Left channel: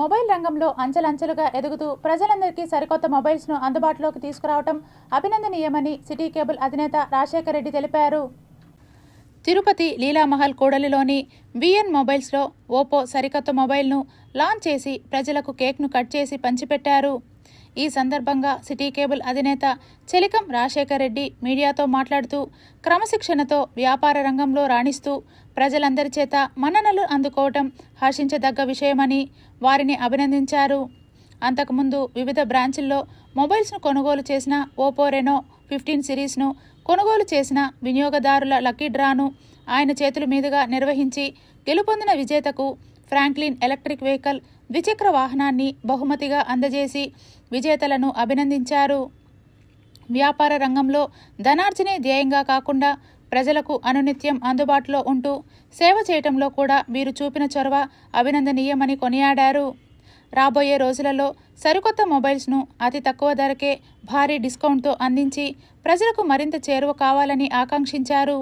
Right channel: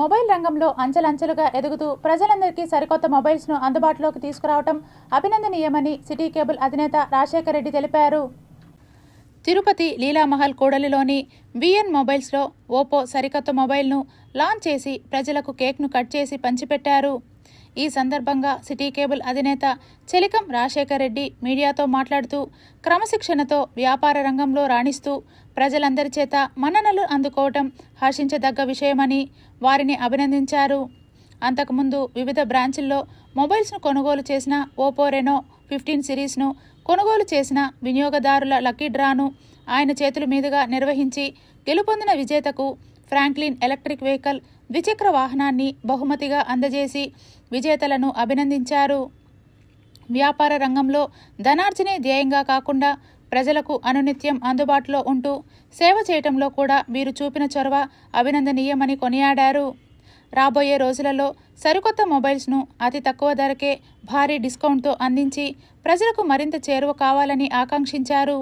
Mobile రంగంలో అంచెలంచెలుగా ఎదుగుతూ ప్రజలందరికీ సరికొత్త మొబైల్స్ను అందుబాటులోకి తీసుకురావడం అభినందనీయమని సిటీ కేబుల్ అధినేత రాజశేఖర్ రెడ్డి తెలిపారు. తిరుపతి లీలామహల్ కూడలిలోని విఎన్ మొబైల్స్లో ఓపో సరికొత్త మొబైల్ను లాంచ్ చేసి ప్రజలకు కేక్ను కట్ చేసి పంచిపెట్టారు. ఈ సందర్భంగా సిటీ కేబుల్ అధినేత చెలికం రాజశేఖర్ రెడ్డి మీడియాతో మాట్లాడుతూ క్రమశిక్షణతో వ్యాపార రంగంలో రాణిస్తూ ప్రజలందరి చేత మన్ననలు అందుకోవటం హర్షించదగ్గ విషయమని వారిని అభినందించారు. అంతకుముందు వివిధ బ్రాంచుల్లో మొబైల్స్ను కొనుగోలు చేసిన ఓపో రెనో 15 సిరీస్ను కొనుగోలు చేసిన వినియోగదారుల లక్కీ డ్రాను ఆయన చేతుల మీదుగా నిర్వహించి గెలుపొందిన విజేతకు ఫ్రాంక్లిన్ ఎలక్ట్రిక్ వెహికల్ ద్విచక్ర వాహనాన్ని బహుమతిగా అందజేసి విజేతలను అభినందించారు. వ్యాపార రంగంలో ధనార్జనే ధ్యేయంగా కాకుండా ప్రజలకు అనునిత్యం అందుబాటులో ఉంటూ సేవ చేయటంలో కూడా వీరు చూపిన చొరవ అభినందనీయమని కొనియాడారు. రాబోయే రోజులలో సరికొత్త మొబైల్స్ను అతి తక్కువ ధరకే భారీ డిస్కౌంట్తో అందించి ప్రజలకు మరింత చేరువ కావాలని ఆకాంక్షించారు.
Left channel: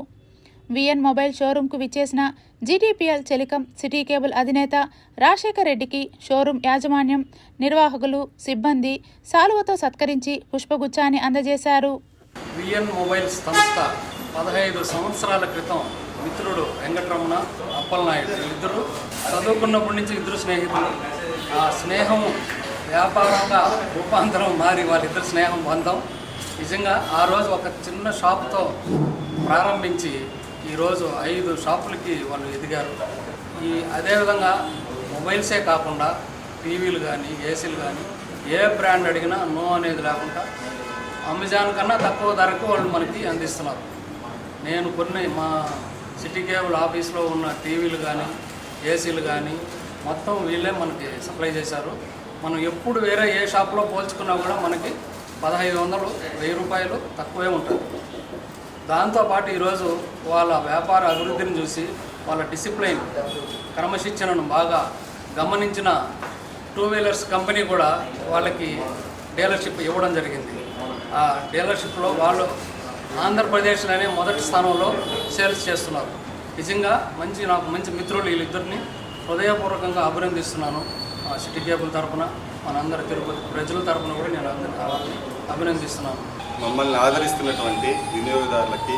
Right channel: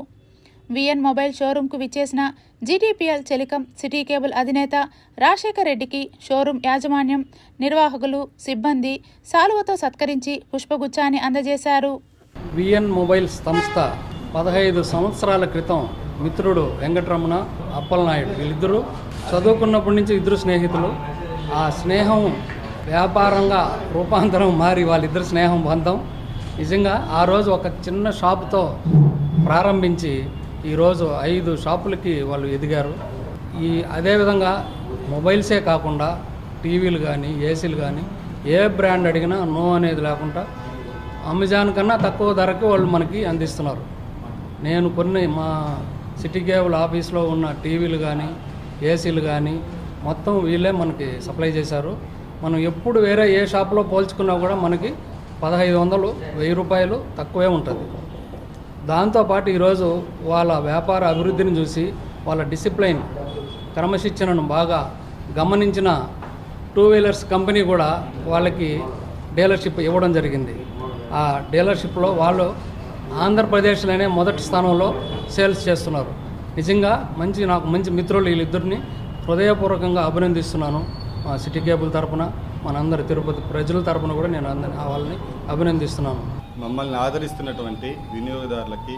విఎన్ మొబైల్ షోరూంకు విచ్చేసిన జీటీపీఎల్ చెలికం సిటీ కేబుల్ అధినేత రాజశేఖర్ రెడ్డికి షోరూం యాజమాన్యం, నిర్వాహకులు, సిబ్బంది సాలువతో సత్కరించి పుష్పగుచ్చాన్ని అందజేశారు. విఎన్ మొబైల్స్ సంస్థ 15 సంవత్సరాల క్రితం మిత్రుడు వెంకటరమణ, అప్పలనాయుడు వీళ్ళిద్దరూ చదువుకున్నప్పటి నుంచి ఇద్దరు స్నేహితులు. ఆ స్నేహం వ్యాపారంగా రూపాంతరం మారి వాళ్ళిద్దరు స్నేహం బంధం. నిజంగా ఆ రోజు ఒక చిన్న షాపుతో ప్రారంభించి ఈరోజు 5 షాపులకి వాళ్ళు ఎదిగారు. అదేవిధంగా మొబైల్సే కాకుండా టీవీలు కానీ, ఏసీలు కానీ ఏ బ్రాండ్ అడిగినా నో అనేది లేకుండా అమెజాన్ కన్నా తక్కువ ధరకు వాళ్ళు మనకి అందిస్తున్నారు. నేను కొన్ని మా సిటీ కేబుల్ ఆఫీస్లో ఉన్న టీవీలు కానీ, ఏసీలు కానీ మొత్తం వీళ్ళే మనకి సప్లై చేశారు. మనం ఎప్పుడు వేరే ఏ షాప్లో పోల్చుకున్నా కూడా మనకి 1500, 1000 రూపాయలు తక్కువే ఉంటుంది. దాంతోపాటు ఈరోజు వాళ్ళ వ్యాపార అభివృద్ధిని చూసి వాళ్ళ డిసిప్లైన్, క్రమశిక్షణను బాగా గమనించిన 2 వీలర్స్ కంపెనీ కూడా వాళ్ళకి డీలర్షిప్ ఇవ్వడం జరిగింది. ఆ డీలర్షిప్లో వాళ్ళు ఆంధ్రప్రదేశ్లోనే మొదటి స్థానంలో సేల్స్ చేస్తున్నారు. నిజంగా నాకు మంచి మిత్రులు వీళ్ళిద్దరిని హృదయపూర్వకంగా అభినందిస్తున్నాను. సిటీ కేబుల్ తరఫున, మనందరి తిరుపతి ప్రజల తరఫున కూడా నేను వాళ్ళని అభినందిస్తున్నాను. మమ్మల్ని ఆదరిస్తున్నటువంటి వినియోగదారులకి,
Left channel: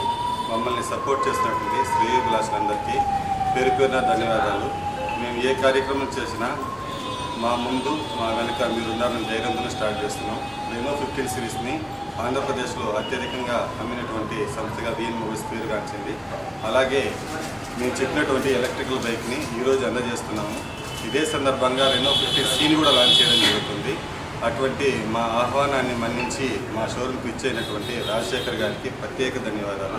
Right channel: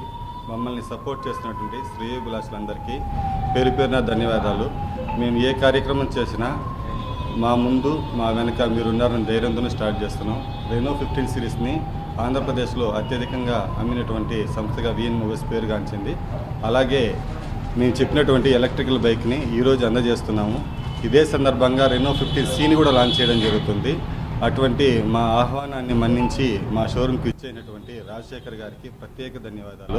మమ్మల్ని సపోర్ట్ చేస్తున్నటువంటి శ్రేయోభిలాషులందరికీ పేరు పేరున ధన్యవాదాలు. మేము ఏ కార్యక్రమం చేసినా మా ముందు మా వెనుక మీరున్నారని ధైర్యంతో స్టార్ట్ చేస్తున్నాం. రెనో 15 సిరీస్ని ఆంధ్రప్రదేశ్లో అత్యధికంగా అమ్మినటువంటి సంస్థగా విఎన్ మొబైల్స్ పేరుగాంచింది. అలాగే మేము చెప్పినటువంటి ఎలక్ట్రికల్ బైక్ని ఈరోజు అందజేస్తున్నాము. ఇదే సందర్భంగా రెనో 15Cని కూడా లాంచ్ చేయడం జరుగుతుంది. అటువంటి మా ఆహ్వానాన్ని మన్నించి మా షోరూమ్కి ఇచ్చేటటువంటి రాజశేఖర్ గారికి ప్రత్యేక ధన్యవాదాలు.